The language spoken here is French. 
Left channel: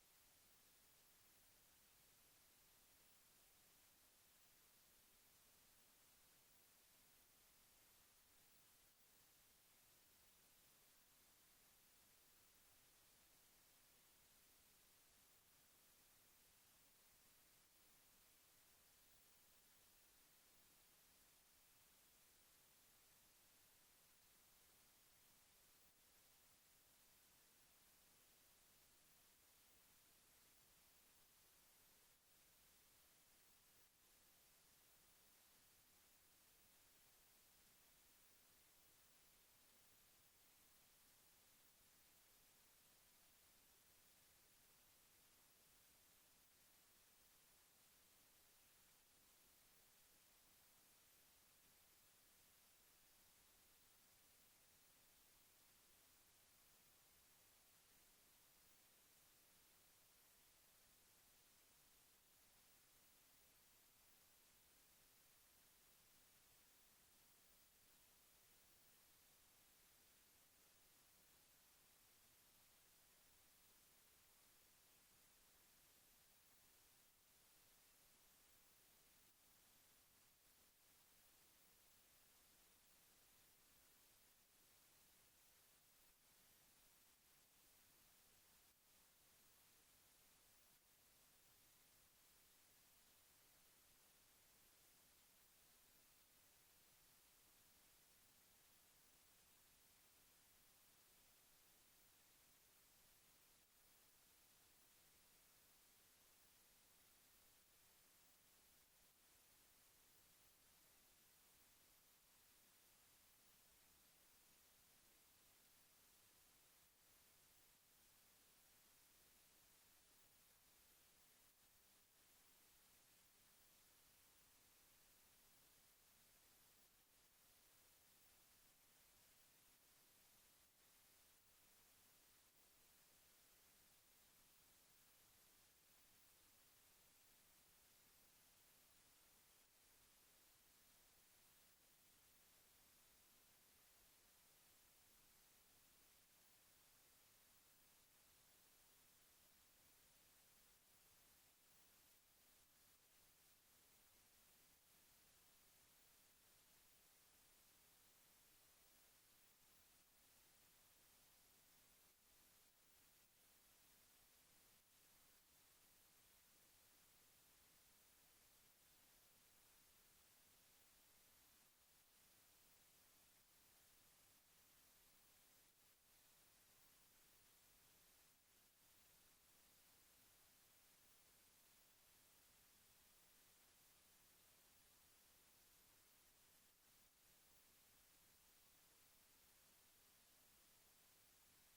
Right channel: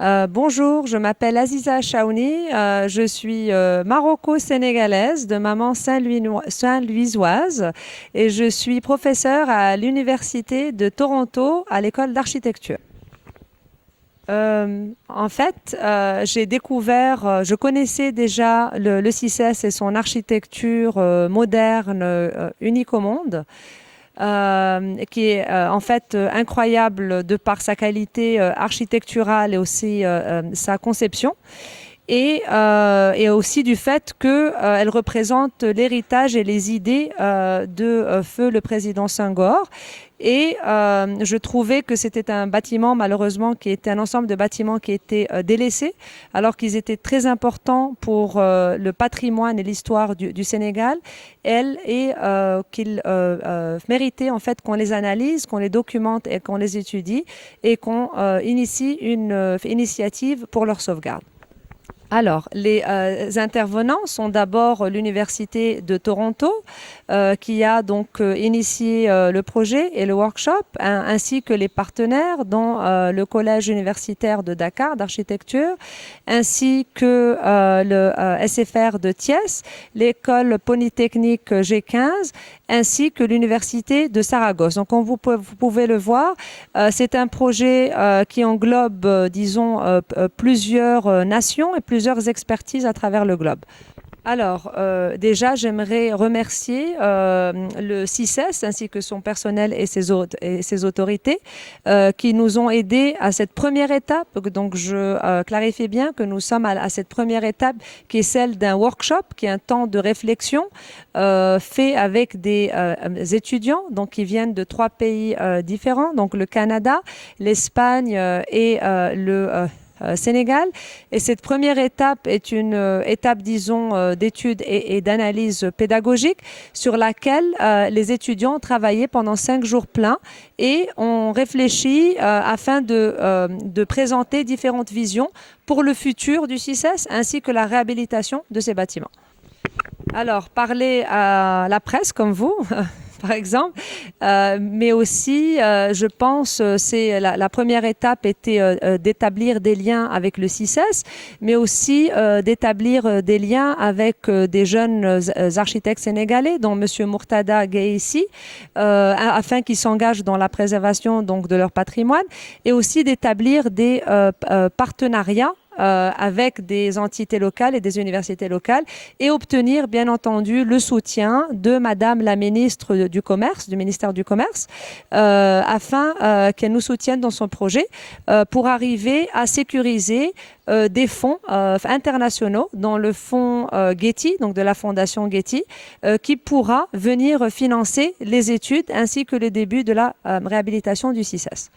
Bonjour, je m'appelle Aziza Chaouni, je suis maroco-sénégalaise de maman Saint-Louisoise et je suis professeure à l'Université de Toronto à l'école d'architecture. J'ai découvert, je connaissais déjà le CICES et son architecture moderne, unique au monde, qui est incroyable de par sa qualité architecturale et aussi sa conception. Et aussi du fait qu'elle représente l'héritage et les idées de feu le président Senghor. Et je trouvais que c'était un bâtiment, malheureusement, qui était un ensemble de bâtiments qui étaient délaissés, alors qu'ils étaient très importants pour le patrimoine et l'histoire du Sénégal, qu'ils méritaient en fait qu'on les analyse, qu'on les documente et qu'on les étudie et qu'on initie une initiative pour leur sauvegarde. Alors, les intervenants sont d'abord l'Université de Toronto, qui a donc initié le projet et le workshop, ainsi que les partenaires, dont le Collège universitaire de Dakar d'architecture, ainsi que le SFR de Thiès, l'École polytechnique G15, ainsi que l'Université de Saragosse. Donc, comme vous pouvez le voir, c'est un projet qui englobe, plusieurs nations et plusieurs expertises à travers le globe. Alors, déjà, j'aimerais remercier le CICES ainsi que son personnel et ses autorités qui nous ont aidés à cette première étape. Donc, je clarifie bien que nous sommes à cette première étape qui est celle d'un workshop, qui est un temps de réflexion fait avec des étudiants donc, qui viennent de 3 pays différents, donc le Canada, l'Espagne et le Sénégal. Et cette première étape est une étape, d'études et d'analyse pédagogique sur laquelle les étudiants ont travaillé pendant 5 jours pleins et ont réfléchi afin de présenter différentes visions pour le futur du CICES ainsi que la réhabilitation de ces bâtiments. Alors, parler à la presse comme vous, par exemple, mais aussi, je pense, la première étape était d'établir des liens avec le CICES, mais aussi d'établir des liens avec des jeunes architectes sénégalais, dont M. Murtada Gueye, afin qu'ils s'engagent dans la préservation donc, de leur patrimoine, et aussi d'établir des partenariats avec des entités locales et des universités locales et obtenir, bien entendu, le soutien de Madame la ministre du Commerce, du ministère du Commerce, afin qu'elle nous soutienne dans son projet pour arriver à sécuriser des fonds internationaux, dont le fonds Getty, donc de la fondation Getty, qui pourra venir financer les études ainsi que le début de la réhabilitation du CICES.